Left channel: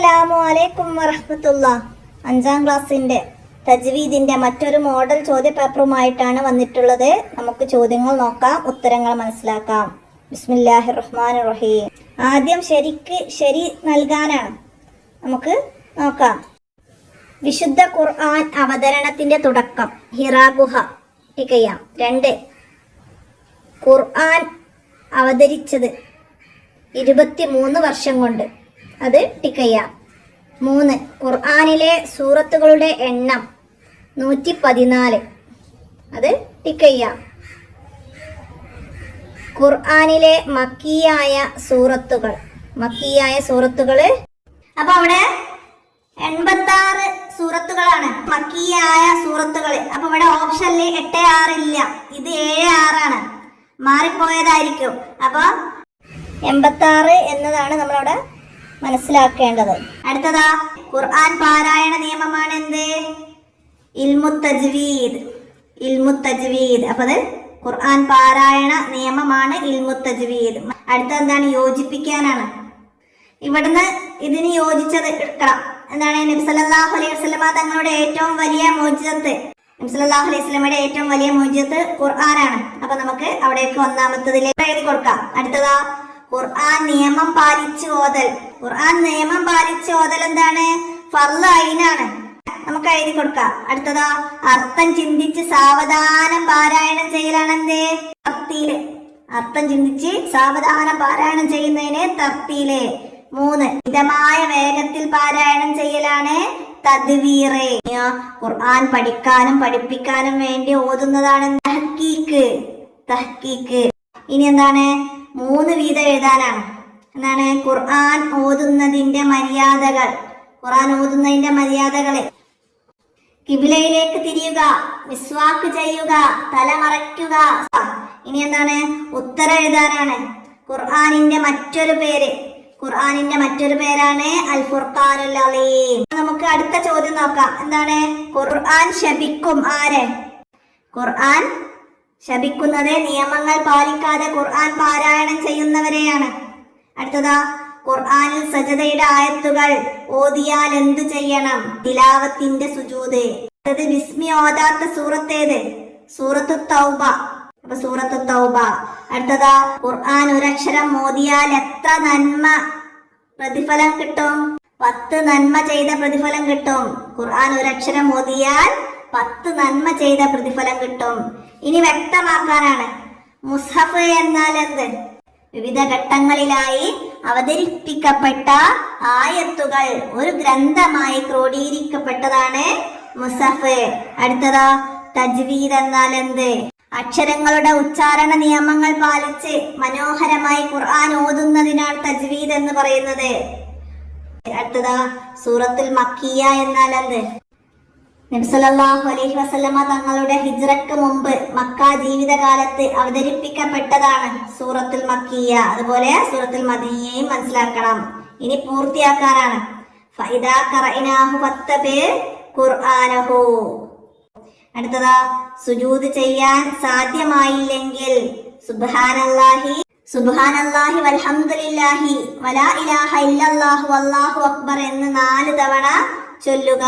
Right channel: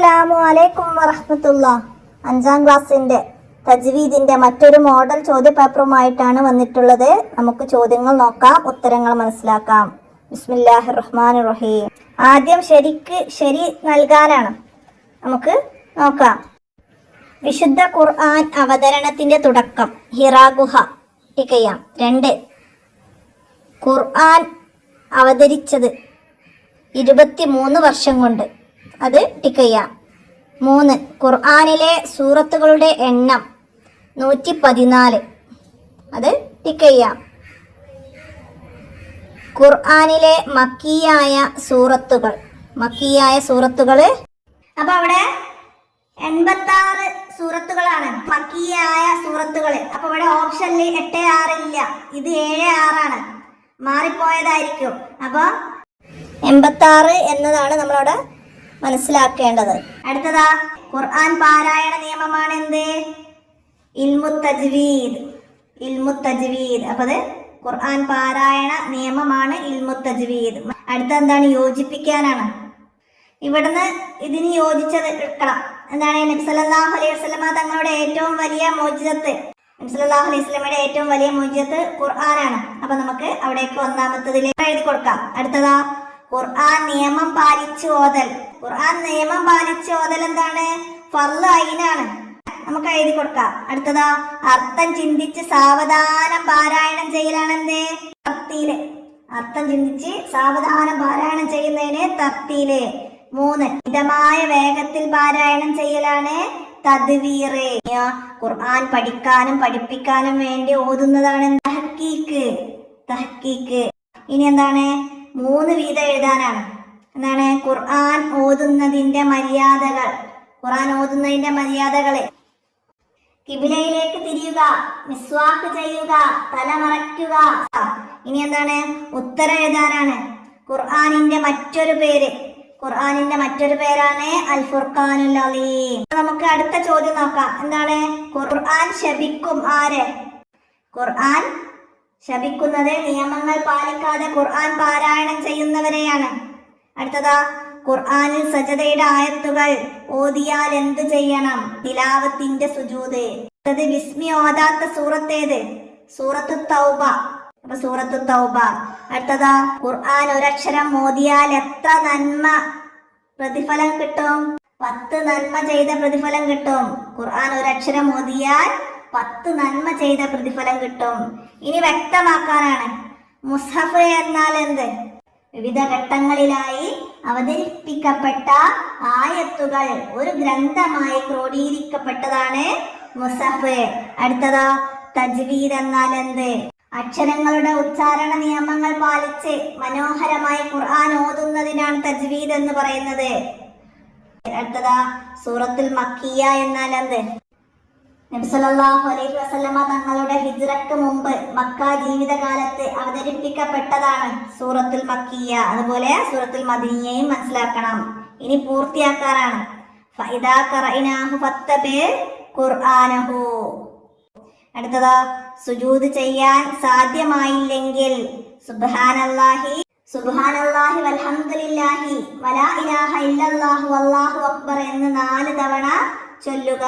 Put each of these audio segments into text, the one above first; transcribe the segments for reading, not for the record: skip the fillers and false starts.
അസ്സലാമു അലൈക്കും വറഹ്മത്തുള്ളാഹി. 5ാം ക്ലാസ്സിന്റെ തജ്വീദിന്റെ മറ്റൊരു മോഡൽ ചോദ്യപേപ്പറുമായിട്ടാണ് വന്നിട്ടുള്ളത്. നമുക്ക് ചോദ്യങ്ങൾ നോക്കാം, ഉത്തരങ്ങൾ മനസ്സിലാക്കാം. ബിസ്മില്ലാഹിർ റഹ്മാനിർ റഹീം. ആദ്യം ശരി നൽകാനാണ്. നമുക്ക് നോക്കാം. വിശുദ്ധ ഖുർആൻ അവതരണത്തിന്റെ തുടക്കം ഹിറാ ഗുഹ. 2 ഖുർആൻ അവതരിച്ചത് 23 വർഷം കൊണ്ട്. അത് ടിക്ക് ചെയ്യാം. 3 ഖുർആനിലെ സൂറത്തുകളുടെ എണ്ണം 114. അത് ടിക്ക് ചെയ്യാം. ഖുർആനിലെ മക്കിയായ സൂറത്തുകൾ അപ്പൊ അവിടെ 86 സൂറത്തുകളാണ് മക്കിയായ സൂറത്തുകൾ. അപ്പൊ ഇവിടെ ഓപ്ഷനിൽ 8, 6 ഇല്ല, ഇത് 7, 6 ആണ്, മാറിപ്പോയതായിരിക്കും. അപ്പൊ 86 എന്നതാണ് നമ്മളവിടെ മനസ്സിലാക്കേണ്ടത്. അടുത്തതാ ഖുർആൻ പാരായണ നിയമമാണ് എന്ത്? ഇൽമു തജ്വീദ്. അപ്പൊ അത് ഖുർആൻ പാരായണ നിയമമാണ് ഇൽമു തജ്വീദ്. അടുത്ത എന്താണ്? യോജിപ്പിക്കാനാണ്. ഇവിടുന്ന് ഇതിന് യോജിച്ചത് എടുക്കണം. എന്താണ്? നബി സല്ലല്ലാഹു അലൈഹി വസല്ലമ തങ്ങളുടെ ഏറ്റവും വലിയ മോചിതത്ത്, നബി സല്ലല്ലാഹു അലൈഹി വസല്ലമയുടെ ഏറ്റവും വലിയ മോചിതത്ത് ഖുർആനാണ്. അപ്പൊ നമുക്ക് അവിടേക്ക് ഒന്നാമത്തതിലേക്ക് എഴുതി കൊടുക്കാം. അടുത്തതാ ഖുർആൻ നിയമം പാലിച്ച് ഓതൽ എന്താണ്? ഫർള് ഐനാണ്. നമുക്ക് എഴുതി കൊടുക്കാം. അടുത്തതാ അർത്ഥം ചിന്തിച്ച് സാവധാനം പാരായണം ചെയ്യലാണ് എന്ത്? തർത്തീല്. അർത്ഥം ചിന്തിച്ച് സാവധാനം പാരായണം ചെയ്യുന്നതിന് തർത്തീല്. 3 മിതമായ വേഗത്തിൽ പാരായണം ചെയ്യലാണ് തദ്വീറ്. ഖുർആൻ പഠിക്കാനും പഠിപ്പിക്കാനും വേണ്ടി ഓതുന്നതാണ് തഹ്കീക്ക്. ഇനി എന്താണ്? 3 വീതം എഴുതാനാണ്. എന്താണ്? ഖുർആൻ ഓതുന്നതിന്റെ മര്യാദകളെ കിബിലയിലേക്ക് തിരിയുക, മിസ്വാക്ക് ചെയ്യുക, തലമറയ്ക്കുക. ഇനി എന്താണ്? ഉത്തരം എഴുതാനാണ്. ഖുർആനിന്റെ മറ്റൊരു പേരാണ് അൽ ഫുർഖാനുൽ അലീം. നമുക്ക് അടുത്ത ചോദ്യം നോക്കാം. എന്താണ്? ഖുർആൻ ശപിക്കും ആരെ? ഖുർആൻ ശപിക്കുന്നത് നിയമങ്ങൾ പാലിക്കാതെ ഖുർആൻ പാരായണം ചെയ്യുന്നവരെയാണ്. അടുത്തതാ ഖുർആനിൽ സജദയുടെ ആയത്തുകൾ ഓതിയാൽ എന്ത് ചെയ്യണം? തിലാവത്തിന്റെ സുജൂദ്. അടുത്തത് ബിസ്മി ഓതാത്ത സൂറത്തേത്? സൂറത്തു തൗബ. അപ്പൊ സൂറത്തു തൗബ. അടുത്തതാ ഖുർആൻ ഒരക്ഷരം ഓതിയാൽ എത്ര നന്മ പ്രതിഫലം കിട്ടും? 10 നന്മ ചെയ്ത പ്രതിഫലം കിട്ടും. ഖുർആൻ ഒരക്ഷരം ഓതിയാൽ 10 നന്മ ചെയ്ത പ്രതിഫലം കിട്ടും. ഇനി വ്യക്തമാക്കാനാണ്. മുസ്ഹഫ് എന്നാൽ എന്ത്? വിവിധ ഘട്ടങ്ങളിലായി അവതരിപ്പിക്കപ്പെട്ട ആയത്തുകൾ ഒരു ഗ്രന്ഥമായി ക്രോഡീകരിക്കപ്പെട്ടതാണ് മുസ്ഹഫ്. അടുത്തതാ തജ്വീദ് എന്നാൽ എന്ത്? അക്ഷരങ്ങളുടെ ഉച്ചാരണ നിയമങ്ങൾ പാലിച്ച് മനോഹരമായി ഖുർആൻ ഓതുന്നതിനാണ് തജ്വീദ് എന്ന് പറയുന്നത്. അടുത്തതാ സൂറത്തുൽ മക്കിയ എന്നാൽ എന്ത്? നബി സല്ലല്ലാഹു അലൈഹി വസല്ലമ തങ്ങളുടെ ഹിജ്റക്ക് മുമ്പ് മക്ക ജീവിതകാലത്ത് അവതരിപ്പിക്കപ്പെട്ടതാണ് സൂറത്തുൽ മക്കിയ. അതുപോലെ സൂറത്തുൽ മദനിയയും മനസ്സിലാക്കണം. ഇനി പൂർത്തിയാക്കാനാണ്. ഫഇദാ ഖറഅനാഹു ഫത്തബി ഖുർആനഹു. അടുത്തതാ സുജൂദ് ചെയ്യാൻ സാധ്യമായില്ലെങ്കിൽ സുബ്ഹാനല്ലാഹി വൽഹംദുലില്ലാഹി വലാ ഇലാഹ ഇല്ലല്ലാഹു വല്ലാഹു അക്ബർ എന്ന് 4 തവണ ചൊല്ലുക.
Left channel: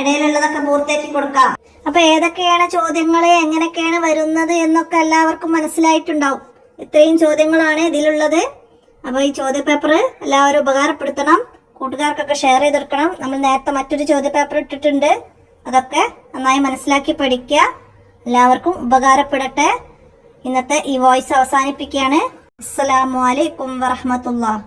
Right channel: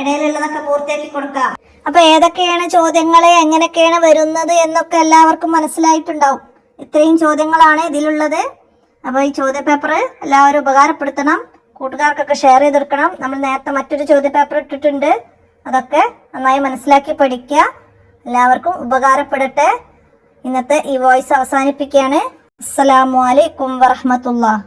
ഇടയിലുള്ളതൊക്കെ പൂർത്തിയാക്കി കൊടുക്കാം. അപ്പൊ ഏതൊക്കെയാണ് ചോദ്യങ്ങളെ എങ്ങനെയൊക്കെയാണ് വരുന്നത് എന്നൊക്കെ എല്ലാവർക്കും മനസ്സിലായിട്ടുണ്ടാവും. ഇത്രയും ചോദ്യങ്ങളാണ് ഇതിലുള്ളത്. അപ്പൊ ഈ ചോദ്യപേപ്പർ എല്ലാവരും ഉപകാരപ്പെടുത്തണം, കൂട്ടുകാർക്കൊക്കെ ഷെയർ ചെയ്തെടുക്കണം. നമ്മൾ നേരത്തെ മറ്റൊരു ചോദ്യപേപ്പർ ഇട്ടിട്ടുണ്ട്, അതൊക്കെ നന്നായി മനസ്സിലാക്കി പഠിക്കുക. എല്ലാവർക്കും ഉപകാരപ്പെടട്ടെ. ഇന്നത്തെ ഈ വോയിസ് അവസാനിപ്പിക്കുകയാണ്. അസ്സലാമു അലൈക്കും വറഹ്മത്തുള്ളാഹി.